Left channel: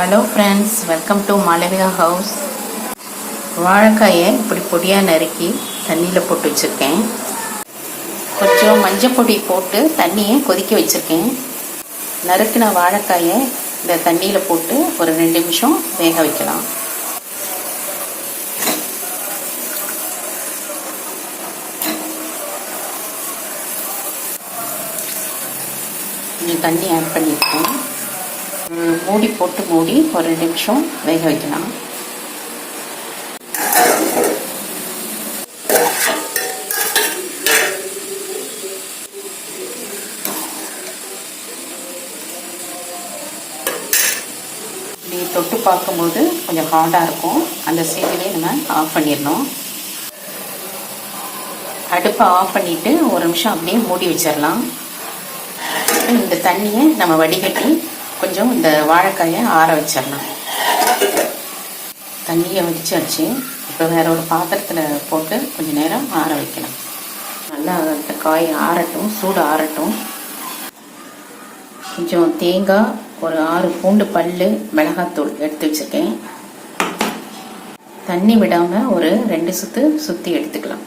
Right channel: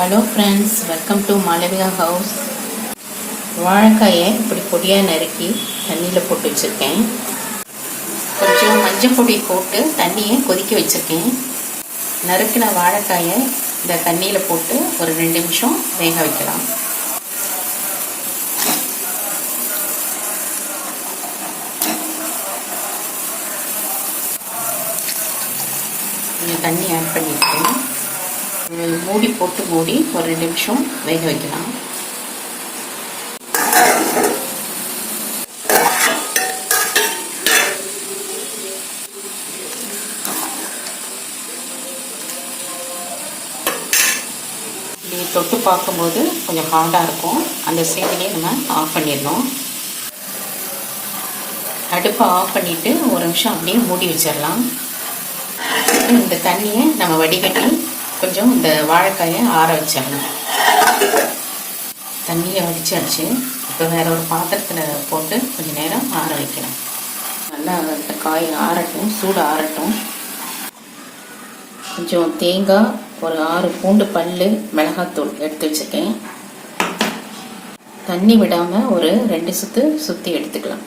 Hello friends welcome to Malaviya house வாழைக்காயை இப்படி பொடியாக நறுக்கி தண்ணியில் போட்டு வச்சுருக்கேன். கொஞ்சம் மஞ்சள் பொடி போட்டு தண்ணியை கொதிக்க வச்சுருக்கேன். நறுக்கின வாழைக்காயை இந்த தண்ணியில் போட்டு ஒரு ரெண்டு நிமிஷம் வேக வைக்கலாம். தண்ணி ஆட் பண்ணியிருக்கேன் மூடி போட்டு மூடி ஒரு ரெண்டு நிமிஷம் வேக வைக்கலாம். இப்படி தொட்டு பார்க்கும்போது கொஞ்சம் ஹார்டாக இருக்கும். அந்த ஸ்டேஜ்லேயே நம்ம ஆஃப் பண்ணிடணும். அடுப்பை ஆஃப் பண்ணிவிட்டு ஒரு நிமிஷம் அப்படியே மூடி வச்சிடலாம். இந்த தண்ணியை நம்ம வடிகட்டி கொஞ்சம் இந்த வாழைக்காயை ஆற வச்சிடலாம் தண்ணியை வடிச்சாச்சு. இப்போ வேற ஒரு பாத்திரத்தில் போட்டு கொஞ்சம் நேரம் ஆற வைக்கலாம் நல்லா அந்த காய் ஆறட்டும் சூடு ஆறட்டும். கொஞ்சம் தேங்காய் ஒரு ஆறு பூண்டு பல்லு மிளகாத்தூள் எடுத்து வச்சுருக்கேன். தண்ணி விடாமல் ஒரு ரெண்டு சுத்து சுற்றி எடுத்துக்கலாம்.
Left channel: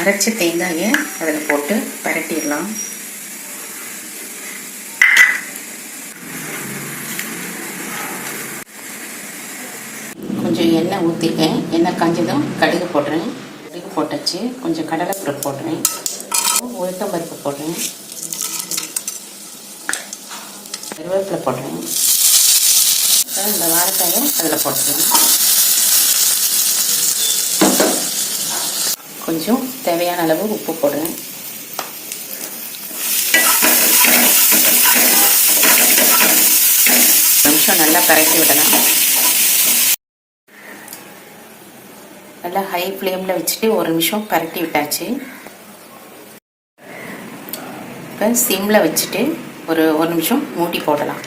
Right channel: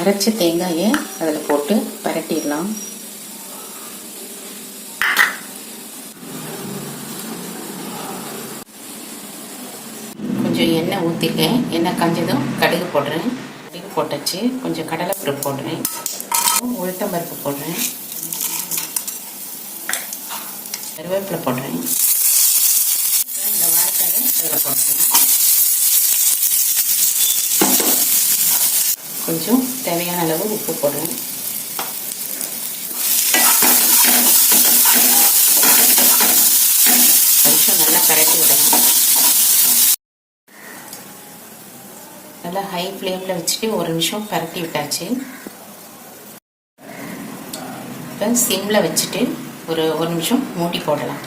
அரைச்ச தேங்காயை அதில் போட்டு பரட்டிடலாம். கொஞ்சம் எண்ணெய் ஊற்றிருக்கேன் எண்ணெய் காஞ்சதும் கடுகு போடுறேன். கடுகு போட்டாச்சு. கொஞ்சம் கடலைப்பருப்பு போடுறேன். உளுத்தம் பருப்பு போடுறேன். கருவேப்பிலை போடுறேன். இந்த வாழைக்காயை அதில் போட்டுறேன் கொஞ்சம் தேவையான அளவு உப்பு போடுறேன். நிமிஷம் நல்லா கரைச்சி விடலாம். நல்லா ஹை ஃப்ளேமில் வச்சுட்டு ஒரு நிமிஷம் பரட்டி விட்டாச்சு. இப்போ சிம்மில் வச்சுட்டு ஒரு ஒரு நிமிஷம் மூடி போடலாம்.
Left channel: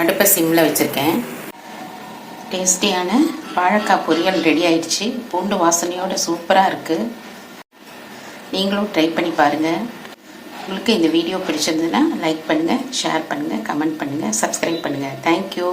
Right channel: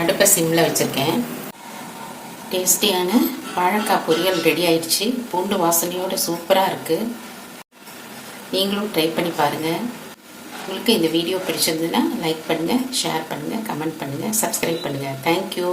அடுப்பை சிம்மில் வச்சுருக்கேன். டேஸ்டியான வாழைக்காய் பொரியல் ரெடி ஆயிடுச்சு. பூண்டு வாசனையோட சூப்பராக இருக்குது நீங்களும் ட்ரை பண்ணி பாருங்கள் உங்களுக்கு இந்த வீடியோ பிடிச்சிருந்ததுன்னா லைக் பண்ணுங்கள் ஷேர் பண்ணுங்கள் கமெண்ட் பண்ணுங்கள் சப்ஸ்கிரைப் பண்ணுங்கள் தேங்க்யூ